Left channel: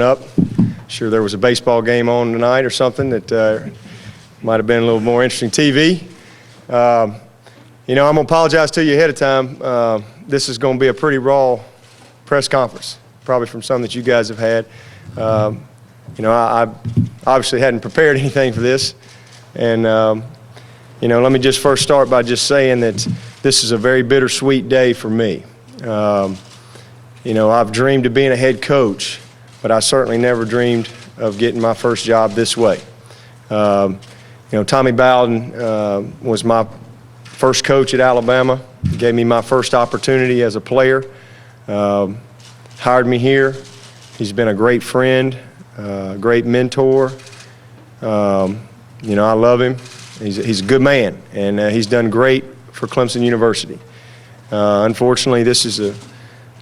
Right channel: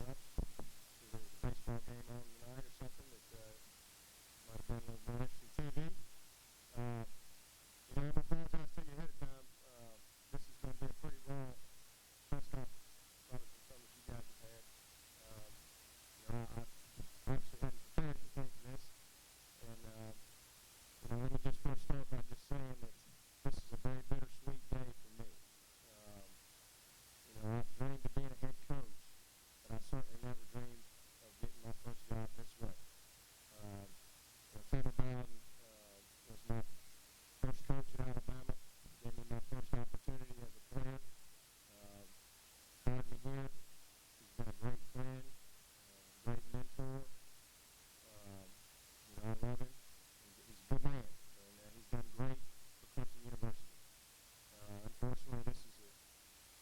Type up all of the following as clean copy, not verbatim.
Up. Sure there was a baseball game on tonight or something that might have been a little more interesting TV. You know, I'm going to apologize to you ahead of time. This is going to be a pretty raw press conference, probably from some that you guys have had. You know, I obviously hadn't prepared anything for this. And, you know, let me just first start by just saying that this is a very bittersweet day for me. You know, I've dreamed of being a head coach, but I certainly never dreamed of getting my first job this way. You know, Tommy Bowden was my first coach at Alabama. He gave me my first opportunity as a player, hired me here. He's been a great friend, great mentor. You know, I love him. He's a good man, and he's done great for Clemson University. Unfortunately, this is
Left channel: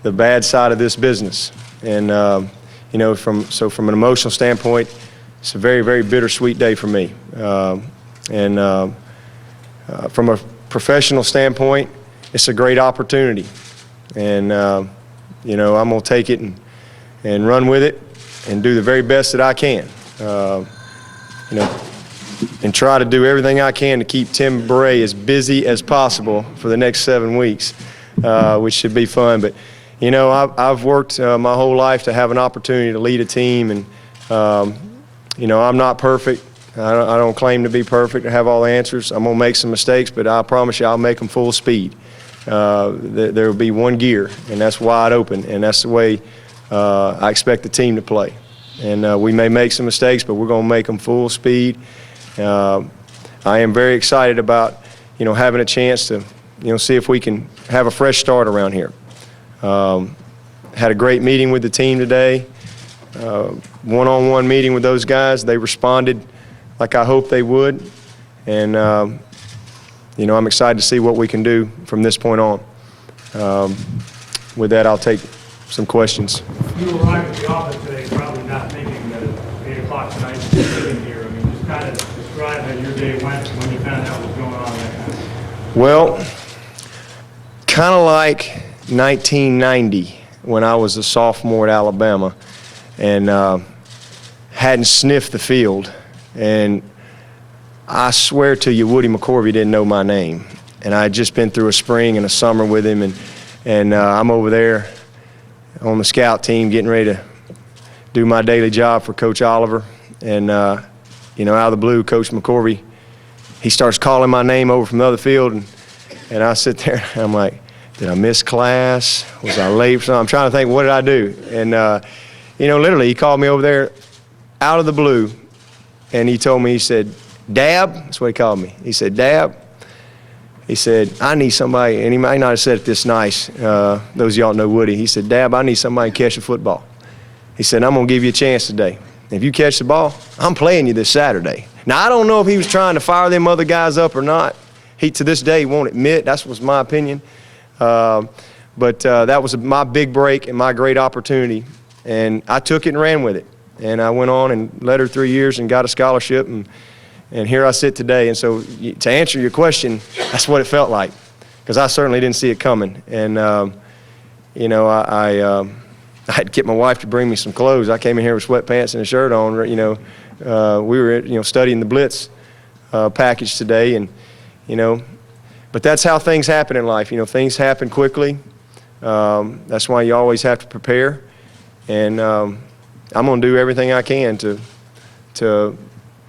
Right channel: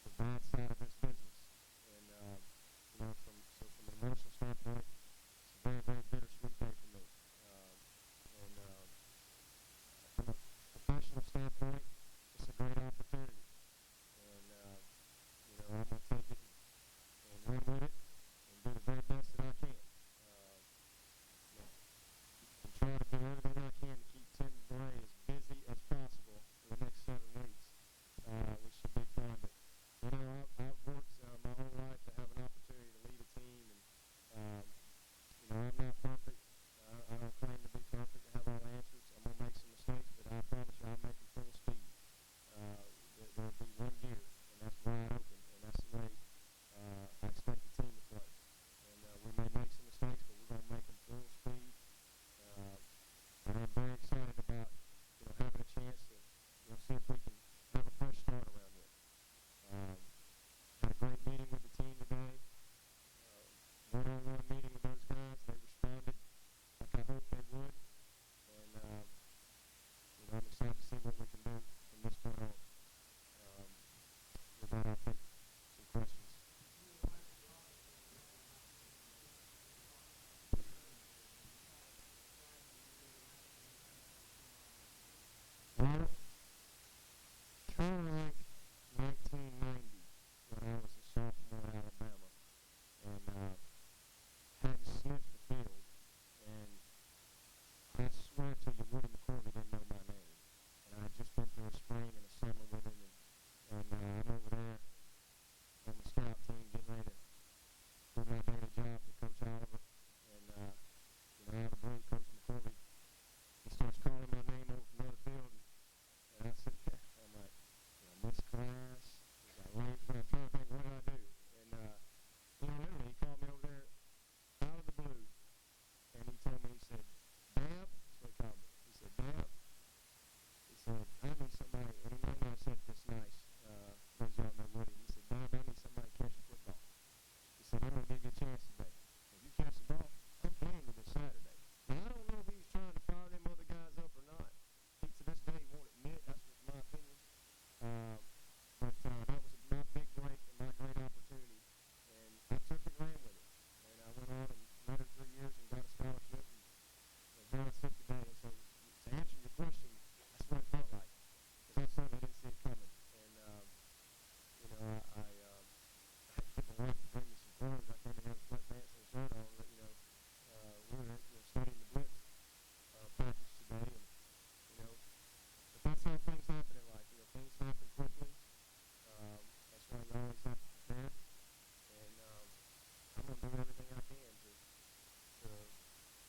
the bad side of this business. And you know, from an emotional standpoint, it's a very, very bittersweet day for me. And from a professional standpoint, it's a great opportunity. And, you know, I'm going to take it and run with it and do the very best that I can. You know, and try to do everything I can to keep Tim Bray as busy as possible for the next 7 weeks, which should be fun. But you know, I've worked my whole life to have an opportunity to lead a team, and you know, I'm not perfect. I don't claim to be perfect or have all the answers. I'm gonna make some mistakes, but I promise you I'll make them full speed. There will be one gear, and that's wide open, and that's the way I expect the team to play. And we may make some mistakes, but we're gonna make them full speed. I am very excited about, you know, having a chance to, you know, see if we can have a fresh start around here. Had a great meeting with the team today, one-on-one meeting with those guys. They responded like I hoped they would, and you know, I'm excited to see what we can do from this point on. With that, I'll take some questions. You arrived at the office today probably not thinking that at 8 o'clock tonight you'd be sitting here. I mean, just kind of describe how your day went when you found out what was going on. That kind of. Well, kind of like 1990 when I was a sophomore at Alabama and hadn't sniffed the field. And I swear to you, Woody McCorvey didn't know my name. And I had just been through a spring and a summer with him, and I'm over there on the scout team getting ready to do my daily job for Coach Oliver. And, you know, out of the blue, Coach McCorvey, he starts calling my name over from the other field, and I sit there and I'm like, did I miss class? Was I late for something? I'm trying to think, what did I do? And, you know, literally, he called me over there out of the blue, and he told me, he said, Dab, that's what he called me. He said, Dab, he said, I need somebody, and he might not have said it this nice, those of y'all know Woody. He said, Dab, I need somebody to catch the football. He said, I'm going to give you a chance today. If you catch the ball, I'm playing you this Saturday. Now, I don't know if he was trying to fire them other guys up or not. He, to this day, won't admit. That was my opinion. But that was my big break and my great opportunity, and I took it and ran with it. And I went on and led her 3 years and got a scholarship, and here I sit today. And so to answer your question, that's what it felt like, because I certainly didn't see it coming. And, you know, I had to get my wife to bring me some clothes. I came in here with sweatpants and a shirt on. You know, we were, you know, studying the Blitz package today, and, you know, but that's how things happen in life. You know, things happen quickly. That's why you always have to prepare. And I'm going to do everything I can to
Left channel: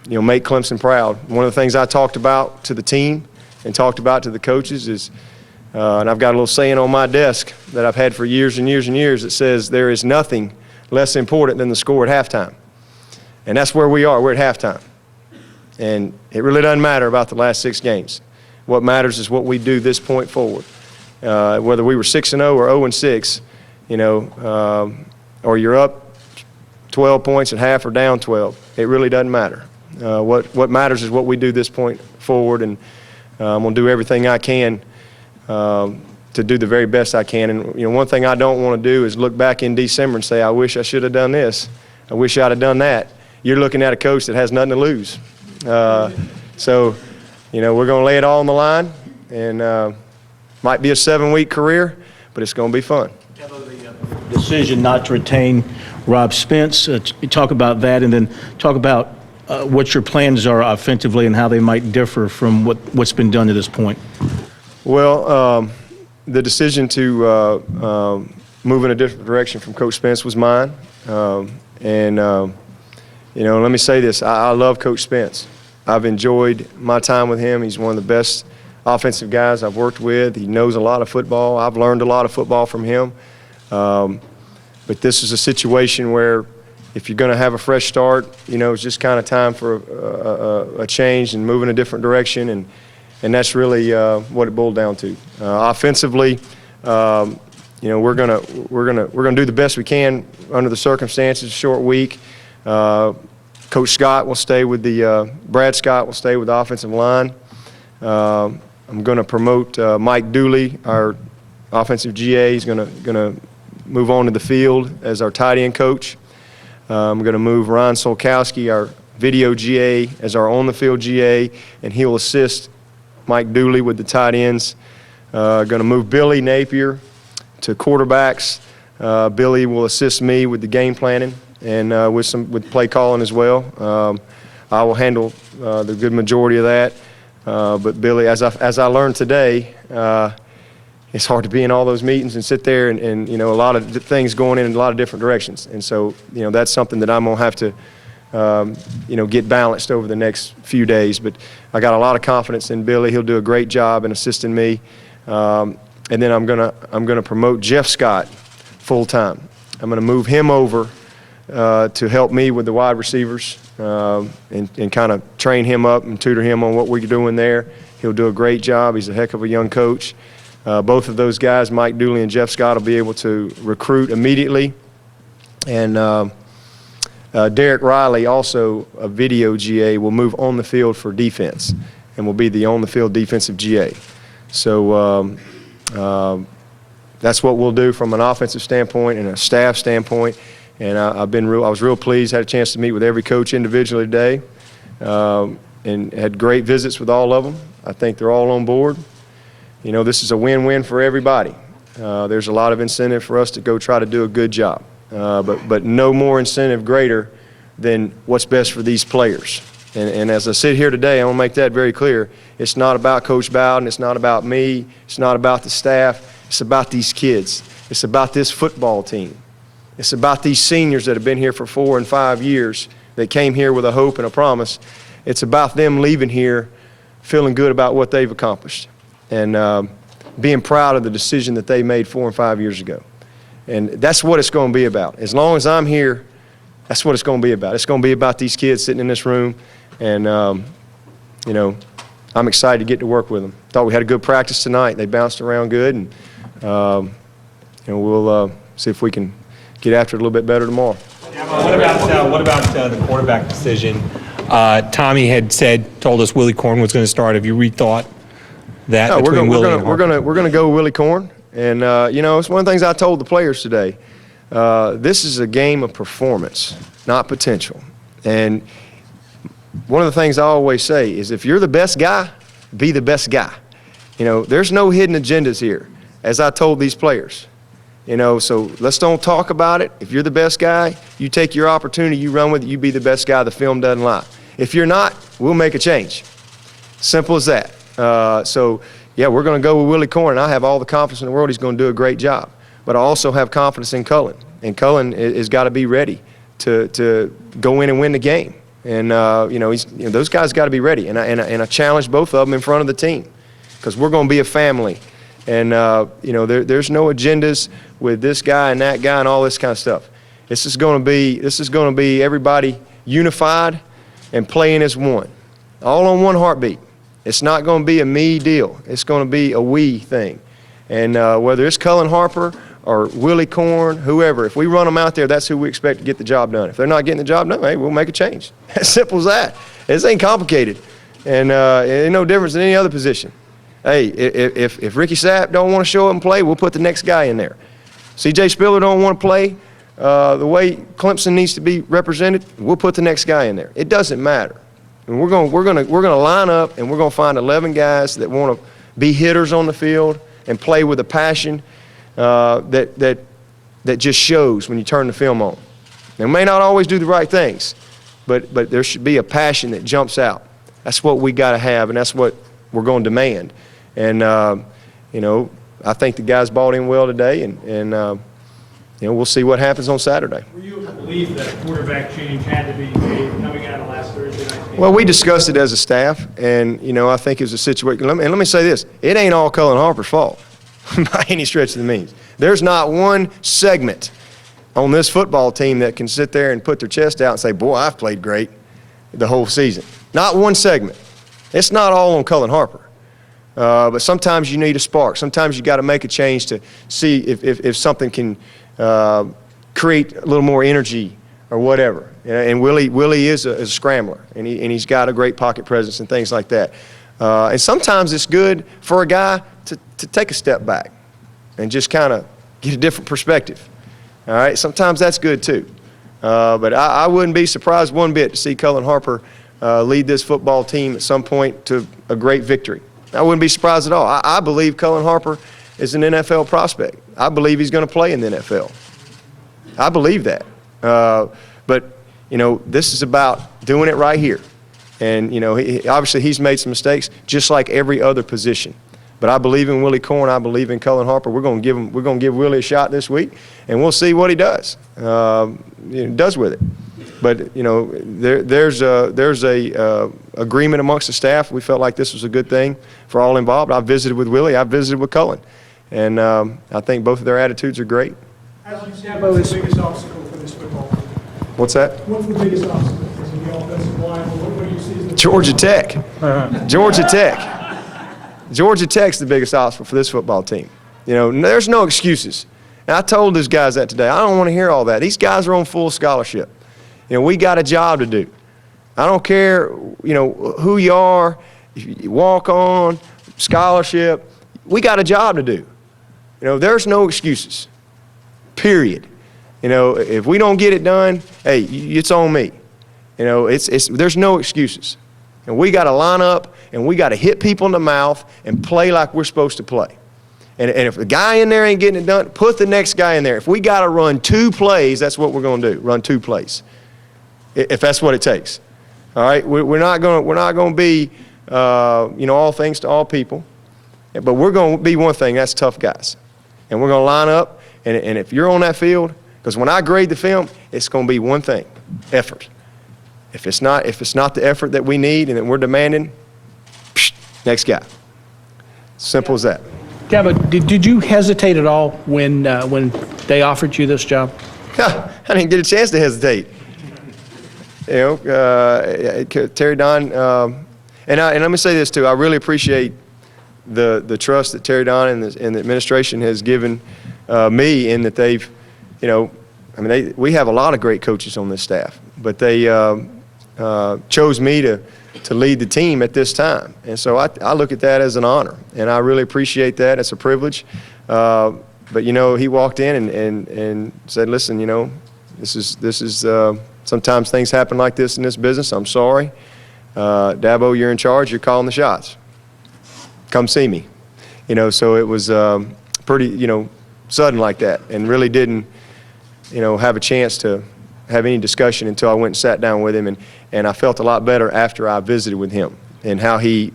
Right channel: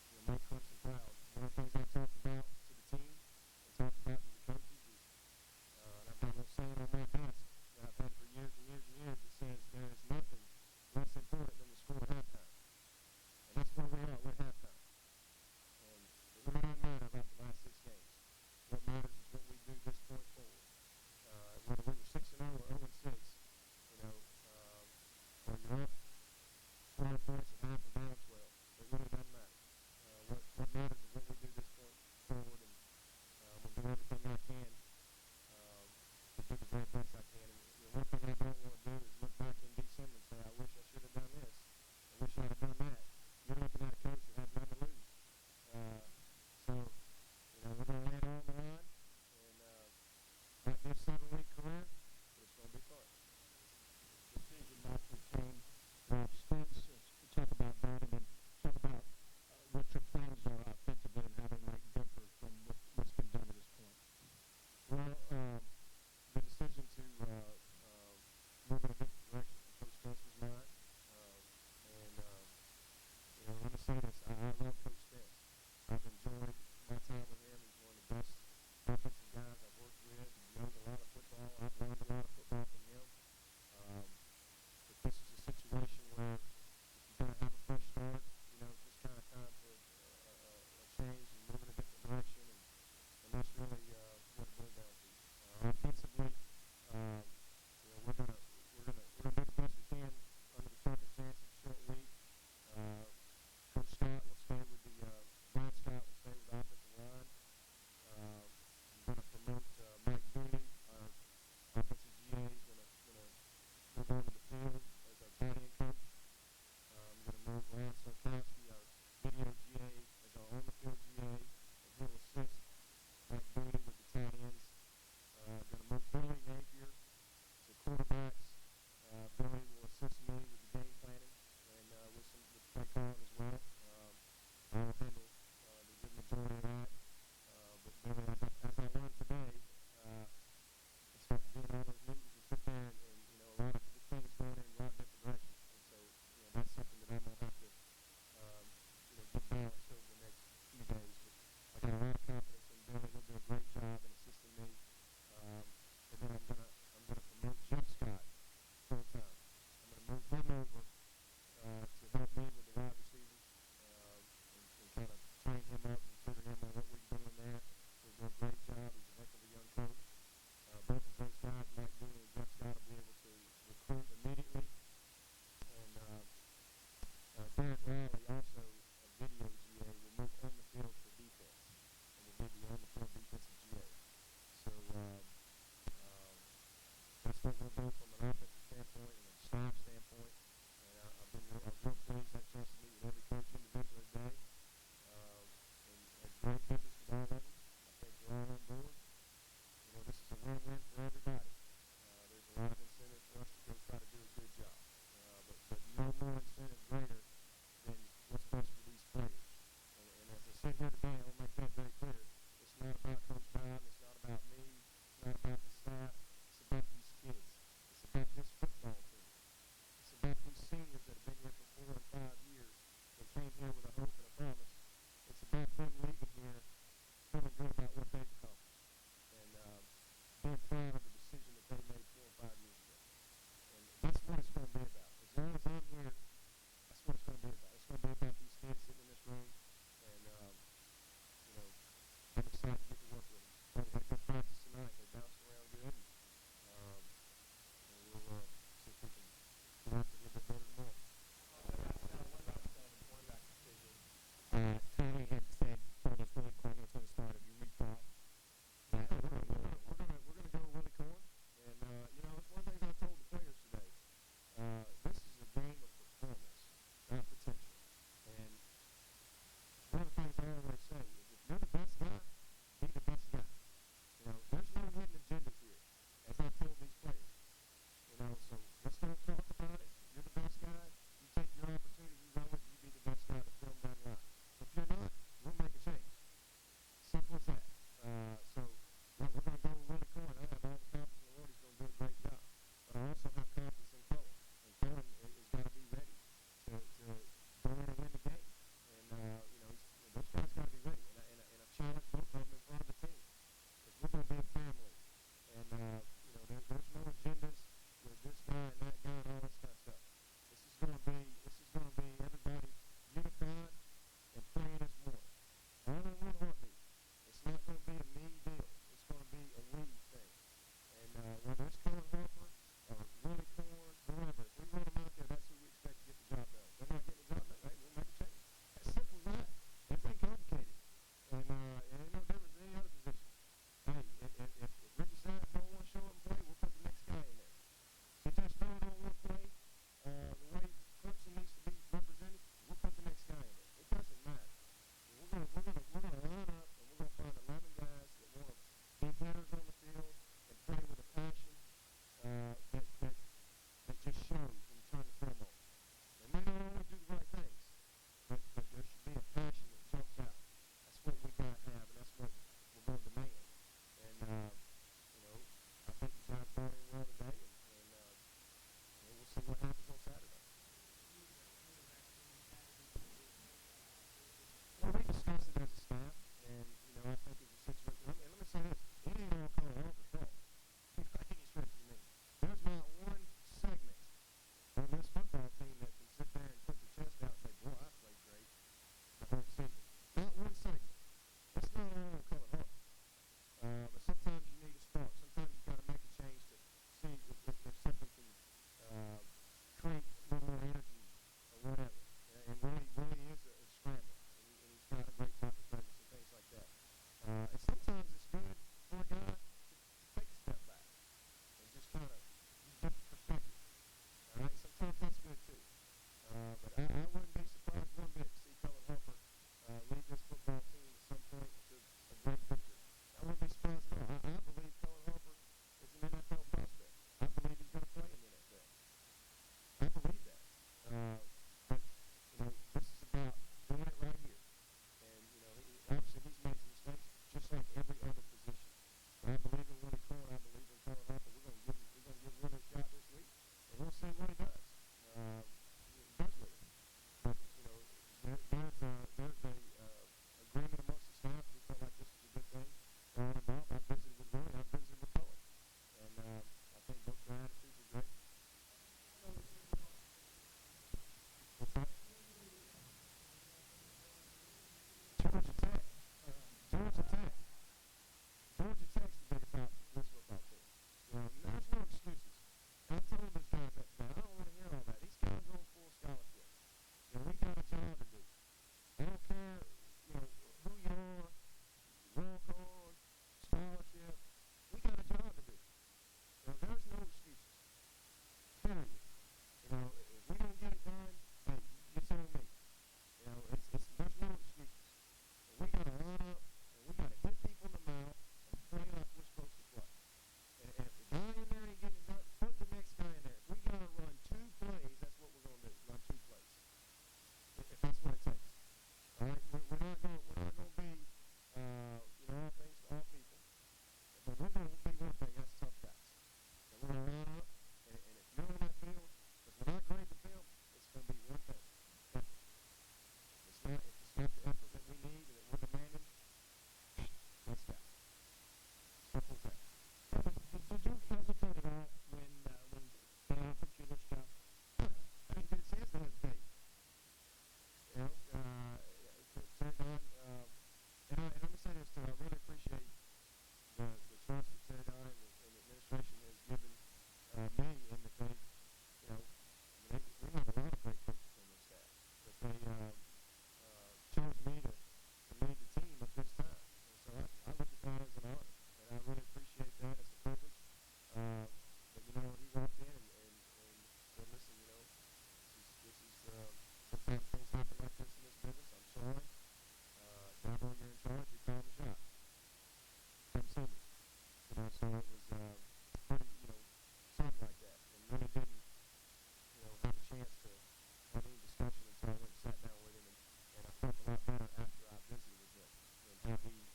you know, make Clemson proud. One of the things I talked about to the team and talked about to the coaches is, and I've got a little saying on my desk that I've had for years and years and years that says there is nothing less important than the score at halftime. And that's where we are. We're at halftime. And it really doesn't matter about the last 6 games. What matters is what we do this point forward. Whether we were 6-0 or 0-6, you know, or you're up 12 points at half or down 12, it really doesn't matter. What matters is what we do this point forward, and I'm going to do everything I can to do the very best I can. And you know, one thing I don't want to do is look back in December and say, I wish I should have done this. I wish I'd have done that. You're looking at a coach that has nothing to lose. So, you know, we're going to lay it all on the line, and might be a 7-week career, but it's going to be fun. The decision not to retain Rob Spence. Talk about that, and then talk about what your plans are offensively and how they might differ from what's been done to this point. Well, the decision to move in a different direction from Coach Spence was mine. You know, let me say this. I love Coach Spence. I've enjoyed my time with him. He's one of the best offensive guys I've worked with. He knows a lot of football. I've learned a lot of football from him. But this is a situation where if you're going to have a fresh start, you know, it's just kind of time for a change and move in a different direction, and that's really what it boiled down to. Offensively, you know, we're gonna do the best we can under the circumstances. Short week. Coach Scott will stay with Brad Scott will stay with the offensive line. I'm going to promote Mike Dooley, our offensive GA. He's going to move on to the field as our tight end coach. I'm going to move Ron Solkowski, our video GA, as our on-the-field GA, and he'll assist Mike Dooley with the tight ends. Going to move Billy Napier to quarterbacks. Billy will assist me with the game planning and with play calling as well. I will handle the good majority of that. But Billy, as I learned today, it's hard to be in all those meetings and sit there and you know, a lot of things going in a lot of different directions. And so, you know, that's something that I'm going to have to, you know, get balanced over the next few days. But I got a lot of confidence in Billy. He'll do a great job in assisting me. And then I'm gonna promote Jeff Scott full time. I'm gonna move him over to help me with the wide receivers and kind of train him up and tutor him on what we're doing there. He'll do a great job. He's a heck of a young coach. Both of those guys, Mike Dooley and Jeff Scott, will be able to recruit immediately. And Derek Riley, also a video GA, will move on the field for defense and will be the on-the-field defensive GA. So that's what we'll do from an offensive standpoint and a staff standpoint. And I was real pleased. Had a chance to meet with every coach individually today, and had great visits with all of them. I think they're all on board. You know, this is a win-win for everybody. There's a lot of incentive for us to go try to do a good job, but no more incentive greater than what's best for these players. And as I sit here today, I want to make that very clear. It's not about Coach Bowden. It's not about me. It's not about the staff. It's about these kids. It's about this football team. It's about these seniors that have been here for 4 and 5 years that came here with a hope and a promise. It's about them leaving here feeling good about what they've accomplished and being proud of the decision that they made 4 and 5 years ago. And that's what it's going to be about. As long as I'm here, that's what it's going to be about. It's going to be about these kids sitting in this room, and you know, I'm excited to get to work with them. Thought we had a good practice tonight. They bounced around good, and you know, we'll see if we can get after it a little bit better tomorrow. What about the quarterback decision? Tommy had told us Willy Korn was going to start. Have you rethought that? No, between Willy and we're gonna go Willy Korn, and you know, it's one of the things I told the players today. This is a game of performance, not potential. And one of the things I always say is, if you're the best guy, be the best guy. You know, there's no hidden agendas here, as I told these players. You know, so let's don't talk about it. If you're the best guy, you take your opportunity, you run with it, you be the best guy. The film doesn't lie. If you're not, we'll make a change. Simple as that. So, yeah, we're going to go with Willy Korn. I have all the confidence in the world he's going to do a great job. But I also have confidence in Cullen. And Cullen has got to be ready to go in and win the game. And, you know, those guys got to be ready. And I challenge both of them in front of the team, because we're going to be a family. And, you know, there's no agendas with this guy and that guy and all this kind of stuff. This is going to be everybody unified and playing as one, all on one heartbeat. It's not going to be a me deal. It's going to be a we thing. And whether it's Cullen Harper or Willy Korn, whoever, if we run them out there, that's who we expect to get the job done. If they're not getting the job done, hey, we'll make a change. As simple as that. This ain't complicated. And it ain't no difference than any other position. Hey, if Ricky Sapp don't want to show up and play, we'll put the next guy in there. C.J. Spiller don't want to play the way Clemson needs to be represented, we'll put the next guy in there. It doesn't matter. And we're going to line up, and we're going to find 11 guys that want to be hitters on the field and play with a passion that just shows when you turn the film on. They may not always do the right things, but there should be a passion that jumps out. That's what we got to have, and that's what we're going to demand. And, you know, I think the guys bought in well today, and you know, we'll see what happens on Saturday. Were you of the belief that a quarterback change had to be made coming out of last Thursday night? Well, we discussed it as a staff, and, you know, I think it was a situation. And let me say this. It ain't all Cullen Harper's fault by any stretch of the means. There's not one segment on this football team that can sit there and put their chest out and say, boy, I've played great the whole season. Not one segment. It's not all on Cullen Harper. But sometimes you need a spark. Sometimes you got to make a change to see if something can create a little more energy or whatever. And Willy is a scrambler, and he's got a great pocket presence and things like that. And sometimes it's good for a guy to take a step back and just kind of get a different perspective. All right, sometimes that's good too. But I wouldn't be surprised one bit to see Cullen Harper lead this football team at some point to a great victory. I wouldn't be surprised at all. I believe Cullen Harper is an NFL prospect. I believe he's going to play in the NFL. I believe that. But, you know, this is about doing it right here. And, you know, obviously he's made some mistakes just like every other position. But I believe in Willy Korn. I believe in Cullen Harper. We're going to give Willy a shot this week, and we'll see what he does. Does with it. But, you know, there's a agreement amongst the staff. We felt like this was a good thing for all involved. I visited with Willy. I visited with Cullen. And I think both of their attitudes are great. As you said, what's the biggest obstacle for this football team? What's that? What's the biggest obstacle? Is it the offensive line? What do you see as the Georgia Tech. Georgia Tech. Georgia Tech's the biggest obstacle for this football team. You know, there's no excuses. And I told these guys that today. I don't want to hear all that. These guys are on full scholarship. You know, we got a job to do. I don't care, you know, who you are, if you walk on, scholarship. We got a job to do. You know, there's no excuses, period. You know, if we don't get it done, hey, it's on me. You know, there's no excuses. And we got to line up, and we got to hit people in the mouth and play like we're supposed to play. And if the guy in there ain't getting it done, put the next guy in there. If we got to run 2 plays, that's what we're going to do, run 2 plays, if that's what it takes. All right, we're not going to be, you know, all things to all people, but we're going to be one thing. That's tough guys, and we're going to line up. And if you're on that field, because when I grade the film, it's going to be one thing: effort. If it's not the effort that we need and that we're demanding, next guy. Simple as that. Dabo, did you hesitate at all when they offered you this job? I didn't get a chance to hesitate. You know, Terry Don, and let me say this too. I really appreciate the trust that Terry Don and the administration has given me, in that they've, you know, I mean, we have a lot of great coaches on this staff, but they chose me to lead the team at this time. And so I look at that as an honor, and I really appreciate that. It's a privilege. But, you know, he walked in and said, listen, you know, this is sometimes things happen like this in this business. I'm sorry. Dabo, you're in charge. You're calling the shots. Come see me. You know, so it was pretty, you know, sudden like that, and really didn't, you know, have a chance to have any discussion until I went and sat down with him, and I felt a lot better after I visited with him and how he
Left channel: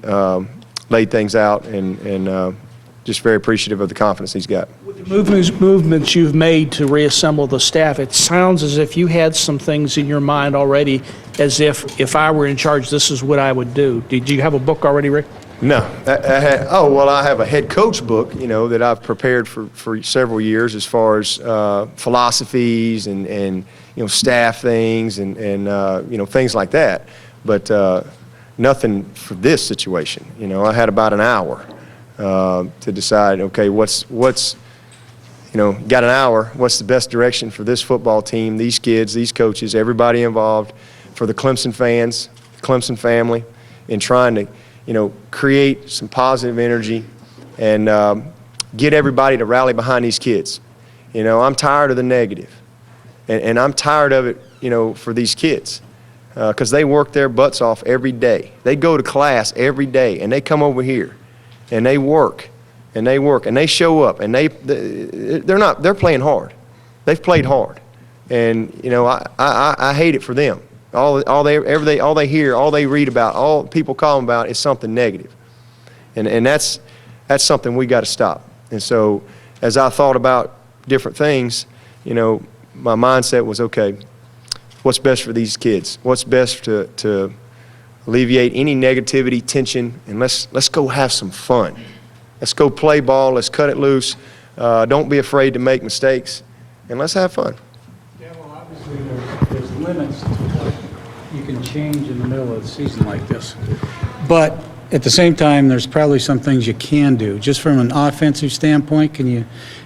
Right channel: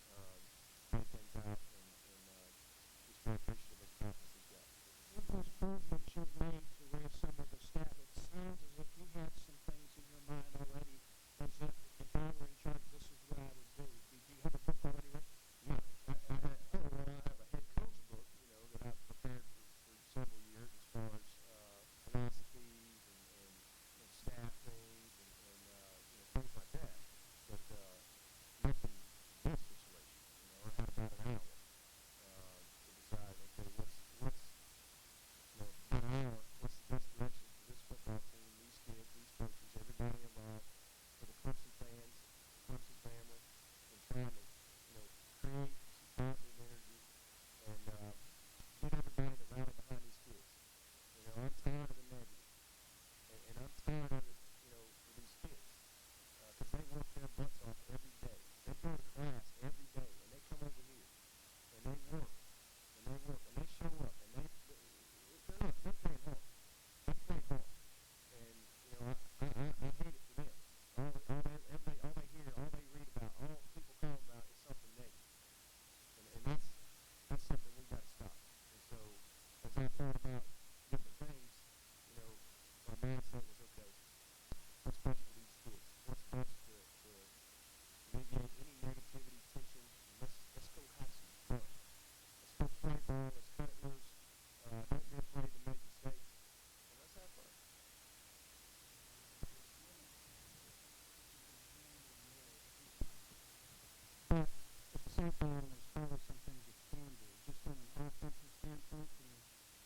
laid things out, and just very appreciative of the confidence he's got. With the movements you've made to reassemble the staff, it sounds as if you had some things in your mind already, as if I were in charge, this is what I would do. Did you have a book already, Rick? No. I have a head coach book, you know, that I've prepared for several years, as far as philosophies and you know, staff things and you know, things like that. But nothing for this situation. You know, I had about an hour to decide, okay, what's you know, got an hour, what's the best direction for this football team, these kids, these coaches, everybody involved, for the Clemson fans, the Clemson family, in trying to, you know, create some positive energy and get everybody to rally behind these kids. You know, I'm tired of the negative, and I'm tired of it, you know, for these kids, because they work their butts off every day. They go to class every day, and they come over here, and they work, and they show up, and they're playing hard. They've played hard, And, you know, I hate it for them. All they hear, all they read about, all people call them about is something negative. And that's something we got to stop. And so as I thought about different things, you know, my mindset was, okay, what's best for these kids? What's best to alleviate any negativity, tension, and let's go have some fun. Let's go play ball. Let's cut it loose. Don't be afraid to make mistakes, and let's have fun. Yeah, well, obviously there's limits to what you can change in the middle of the season like this. But at the same time, there's probably some things you can do. Just from an offensive standpoint, can you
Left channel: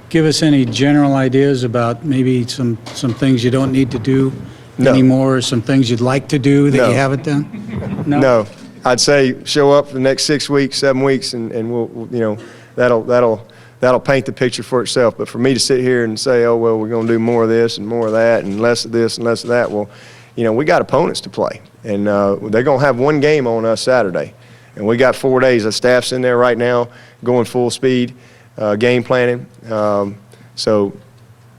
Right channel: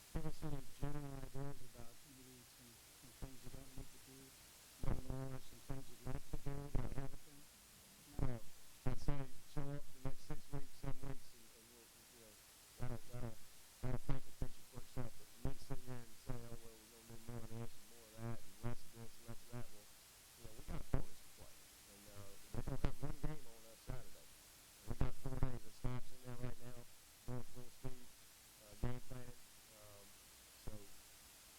give us any general ideas about maybe some things you don't need to do anymore, or some things you'd like to do that you haven't done? No. I'd say show up for the next 6 weeks, 7 weeks, and we'll you know, that'll paint the picture for itself. But for me to sit here and say, oh, well, we're going to do more of this and more of that and less of this and less of that, well, you know, we got opponents to play. And they're going to have one game on us Saturday. And we got 4 days. The staff's in there right now going full speed, game planning. So,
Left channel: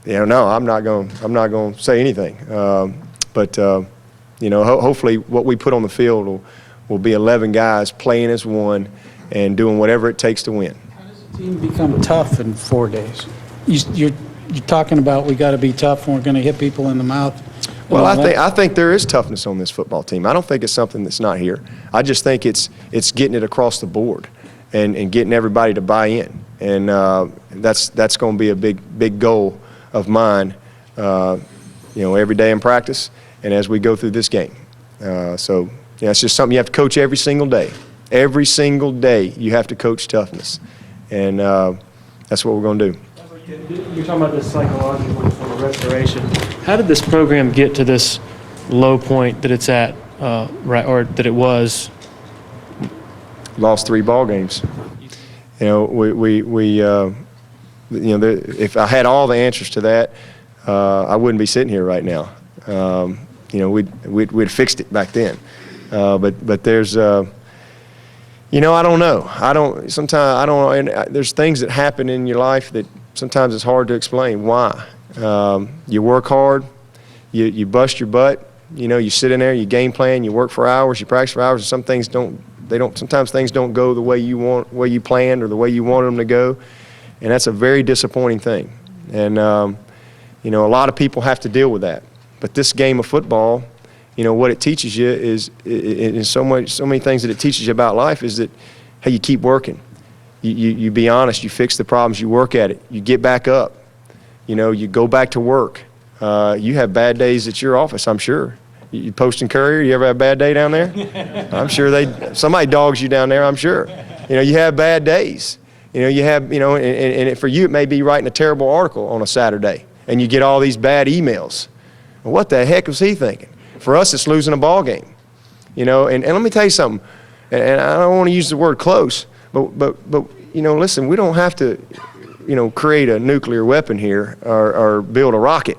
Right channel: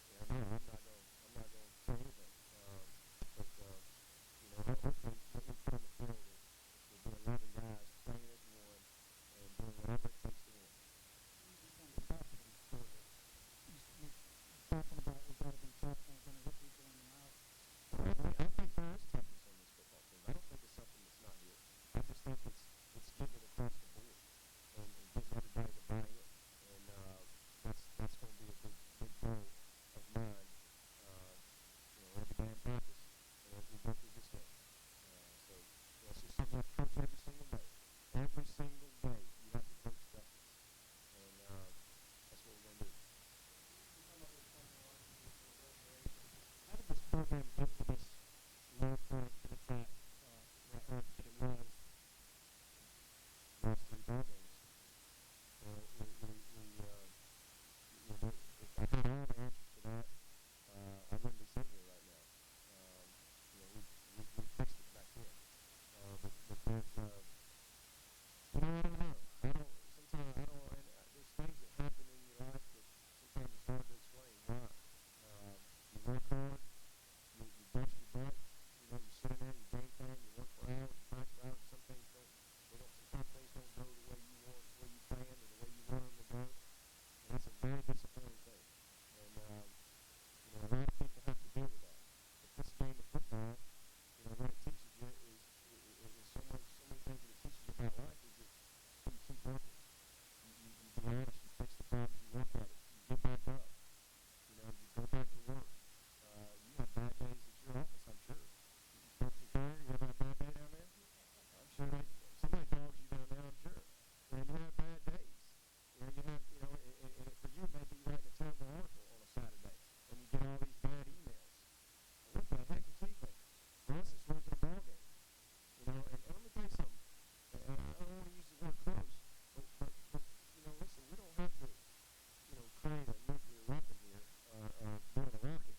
you know, no, I'm not going to say anything. But you know, hopefully what we put on the field will be 11 guys playing as one and doing whatever it takes to win. How does the team become tough in 4 days? You're talking about we got to be tough and we're going to hit people in the mouth. Well, I think there is toughness on this football team. I don't think it's something that's not here. I just think it's getting it across the board and getting everybody to buy in. And that's going to be a big goal of mine, you know, every day in practice and as we go through this game. So, yeah, it's just something you have to coach every single day. Every single day you have to coach toughness. And that's what we're going to do. You're talking about this psychological sort of restoration. How did this program get to this low point that it's at, right, or that it was? Lost 3 ball games. You know, we you know, if I had all the answers to that, I wouldn't be sitting here right now. You know, we'd fixed it back then. But there's, you know, I don't know. Sometimes I don't know. And there's things that happen in your life that sometimes it's hard to explain why. You work hard, you bust your butt, you know, you sit in there, you game plan, you work for hours, you practice for hours, and some things sometimes things don't go the way you planned or the way you wanted them to go. And that's a very disappointing thing. And, you know, a lot of people have to deal with that. But this game of football, you know, what it teaches you is so many things that it teaches you about life is that, hey, you keep working. You be honest, you fix the problems, you work at it, you get back up, you know, you go back to work. You have bad days at your office, I'm sure. You Post and Courier, you ever have a bad day down there? I'm sure somebody dogs you down there, I'm sure. You know, you have bad days. You know, you have, you know, and for you it may be writing a terrible article on a Saturday and you get all these bad emails. Well, what the heck was he thinking? For us, it's losing a ball game. You know, and let me tell you something, and I don't want to use the word close, but you know, listen, we don't have to, you know, create a nuclear weapon here or build a rocket.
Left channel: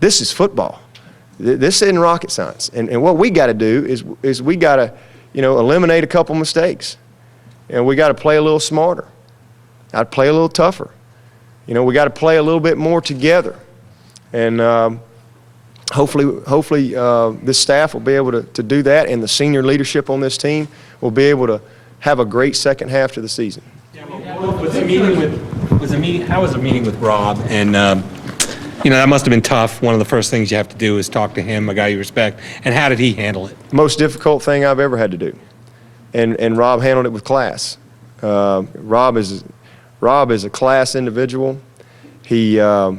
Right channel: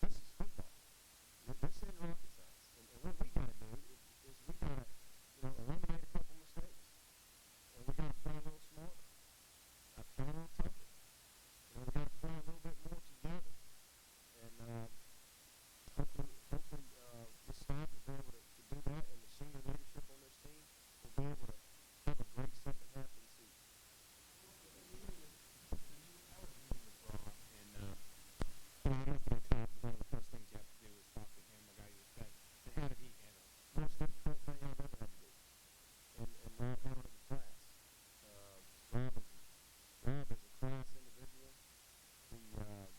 This is football. This isn't rocket science. And what we got to do is we got to, you know, eliminate a couple mistakes. And we got to play a little smarter. I'd play a little tougher. You know, we got to play a little bit more together. And hopefully this staff will be able to do that, and the senior leadership on this team will be able to have a great second half to the season. How was the meeting with Rob? And you know, that must have been tough. One of the first things you have to do is talk to him, a guy you respect. And how did he handle it? Most difficult thing I've ever had to do, and Rob handled it with class. Rob is a class individual. He's a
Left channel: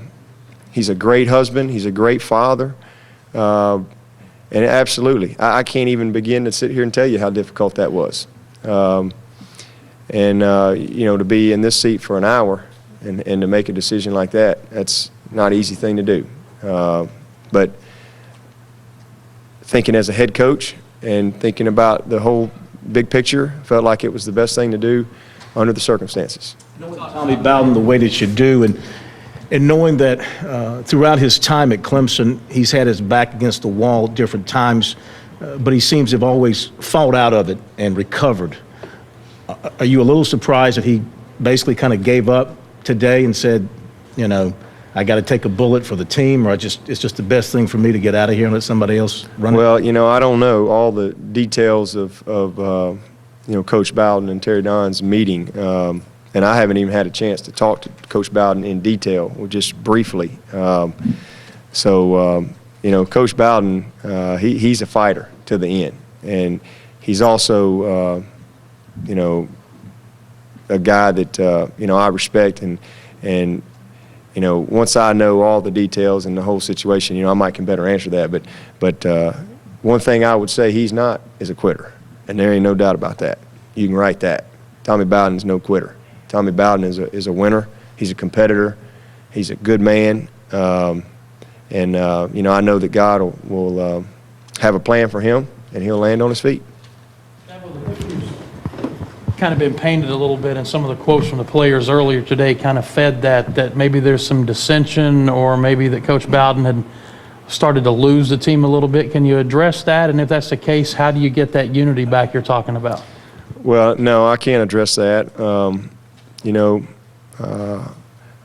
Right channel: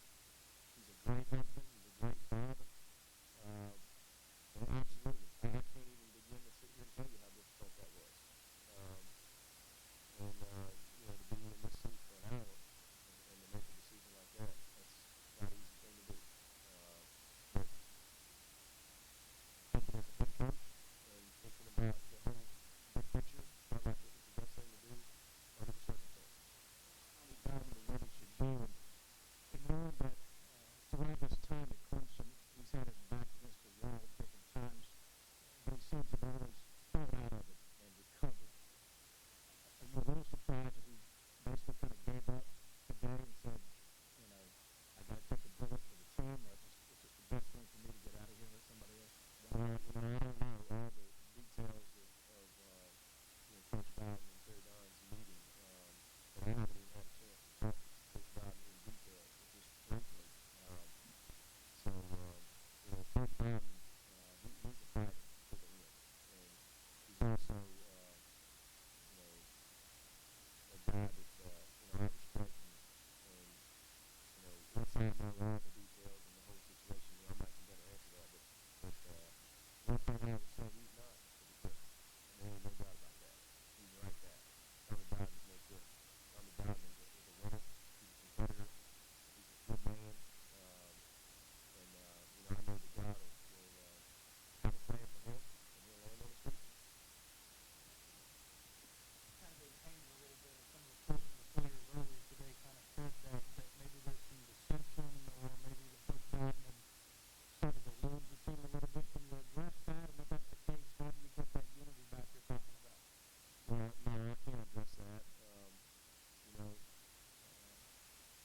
great husband. He's a great father. And absolutely, I can't even begin to sit here and tell you how difficult that was. You know, to be in this seat for an hour and to make a decision like that, that's not an easy thing to do. But thinking as a head coach and thinking about the whole big picture, felt like it was the best thing to do under the circumstances. Tommy Bowden the way that you do, and knowing that throughout his time at Clemson, he's had his back against the wall at different times, but he seems to have always fought out of it and recovered. Are you a little surprised that he basically kind of gave up today and said, you know, I got to take a bullet for the team, or it's just the best thing for me to get out of here and let somebody else run it? Well, I don't know all the details of Coach Bowden and Terry Don's meeting, and I haven't even had a chance to talk to Coach Bowden in detail, or just briefly. Coach Bowden, he's a fighter to the end, and he's also, a guy that I respect, and once I know all the details and the whole situation, I might can better answer that. But one thing I would say he's not is a quitter, and there ain't no doubt about that. You can write that. Tommy Bowden's no quitter. Tommy Bowden is a winner. He's a competitor. He's a good man. I know that God will have a plan for him, and he'll land on his feet. Kind of been painted a little bit, and some of the quotes from the players earlier today kind of fed that maybe there's some dissension, or maybe that Coach Bowden had started to lose the team a little bit. Can you address that? And if that's the case, how do you get that unity back you're talking about? Well, no, I can't address that. I'm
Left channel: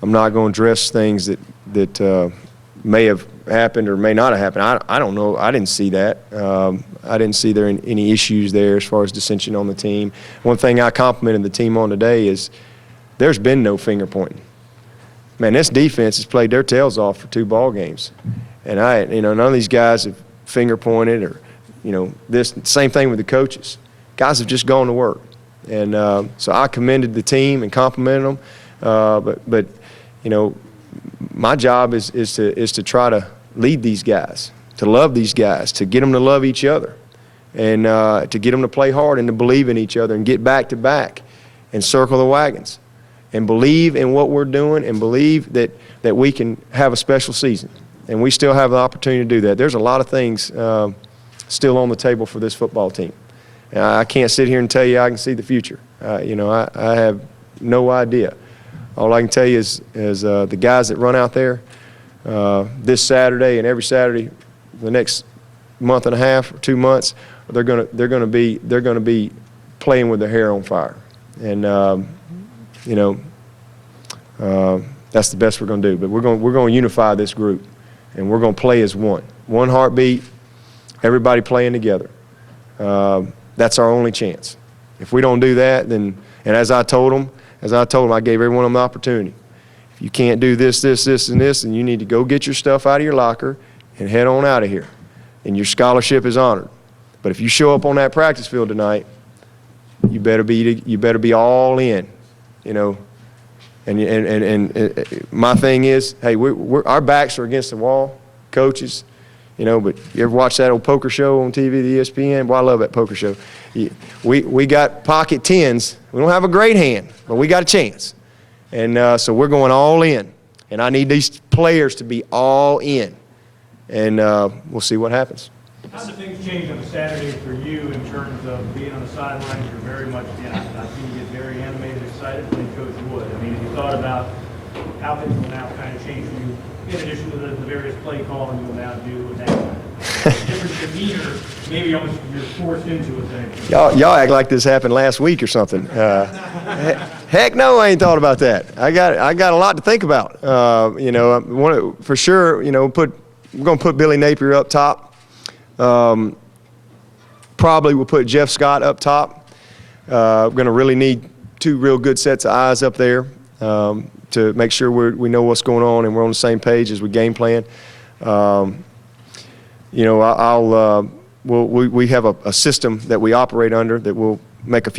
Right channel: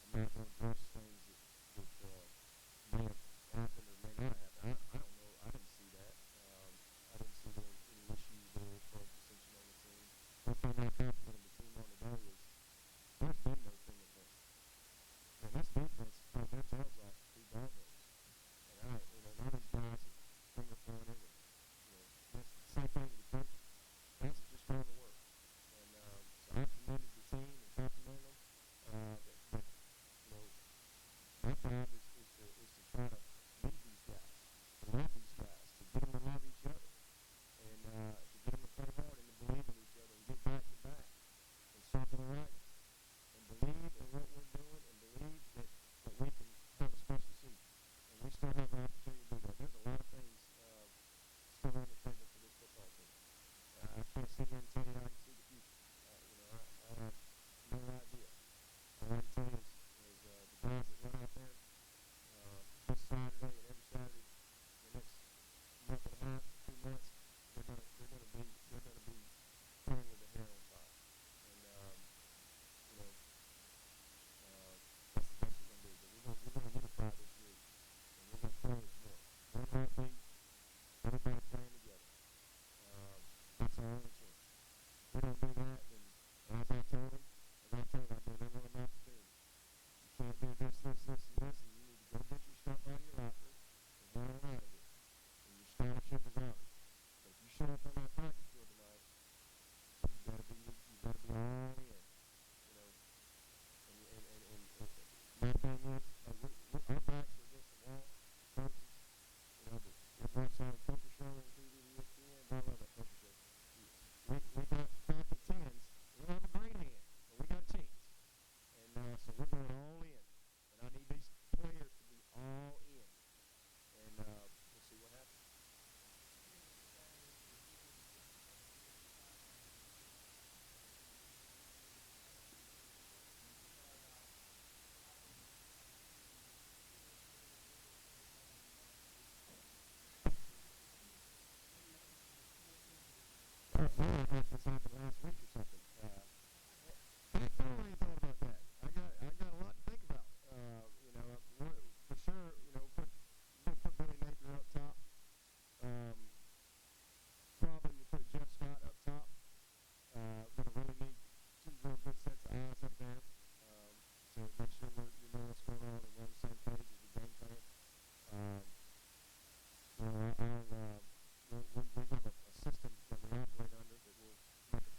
not going to address things that may have happened or may not have happened. I don't know. I didn't see that. I didn't see there any issues there as far as dissension on the team. One thing I complimented the team on today is there's been no finger pointing. Man, this defense has played their tails off for 2 ball games, and none of these guys have finger pointed or this. Same thing with the coaches. Guys have just gone to work, and so I commended the team and complimented them. But my job is to try to lead these guys, to love these guys, to get them to love each other, and to get them to play hard and to believe in each other and get back to back and circle the wagons and believe in what we're doing and believe that we can have a special season. And we still have the opportunity to do that. There's a lot of things still on the table for this football team. I can't sit here and tell you I can see the future. I have no idea. All I can tell you is the guys that run out there this Saturday and every Saturday the next month and a half or 2 months, they're gonna be playing with their hair on fire, and that's the best we're gonna do. But we're gonna unify this group, and we're gonna play as one heartbeat, everybody playing together. That's our only chance. If we don't do that, then, and as I told them, I gave every one of them the opportunity. If you can't do this, and this, then you need to go get your stuff out of your locker and head on out of here. And your scholarship is honored. But if you show up on that practice field tonight, you better be all in, And my thing is, hey, our backs are against the wall, coaches. But you ever watch that old poker show on TV, the ESPN? Boy, I love that poker show. We got pocket tens. We don't have a great hand, but we got a chance. And so we're going all in. And I need these players to be all in. And we'll see what happens. How did things change on Saturday for you in terms of being on the sidelines? You're very much, I've seen you get very animated, excited, playing Coach Wood. I mean, have you thought about how things will now kind of change for you, in addition to the various play calling you will now do and that different demeanor, maybe almost you're forced into it? Y'all act like this happened last week or something. Heck no, I ain't thought about that. I got a lot to think about. For sure, we're going to put Billy Napier up top. Probably we'll put Jeff Scott up top. We're going to really need 2 real good sets of eyes up there to make sure we know what's going on and we're on the same page as we game plan. We have a system that we operate under that will make a few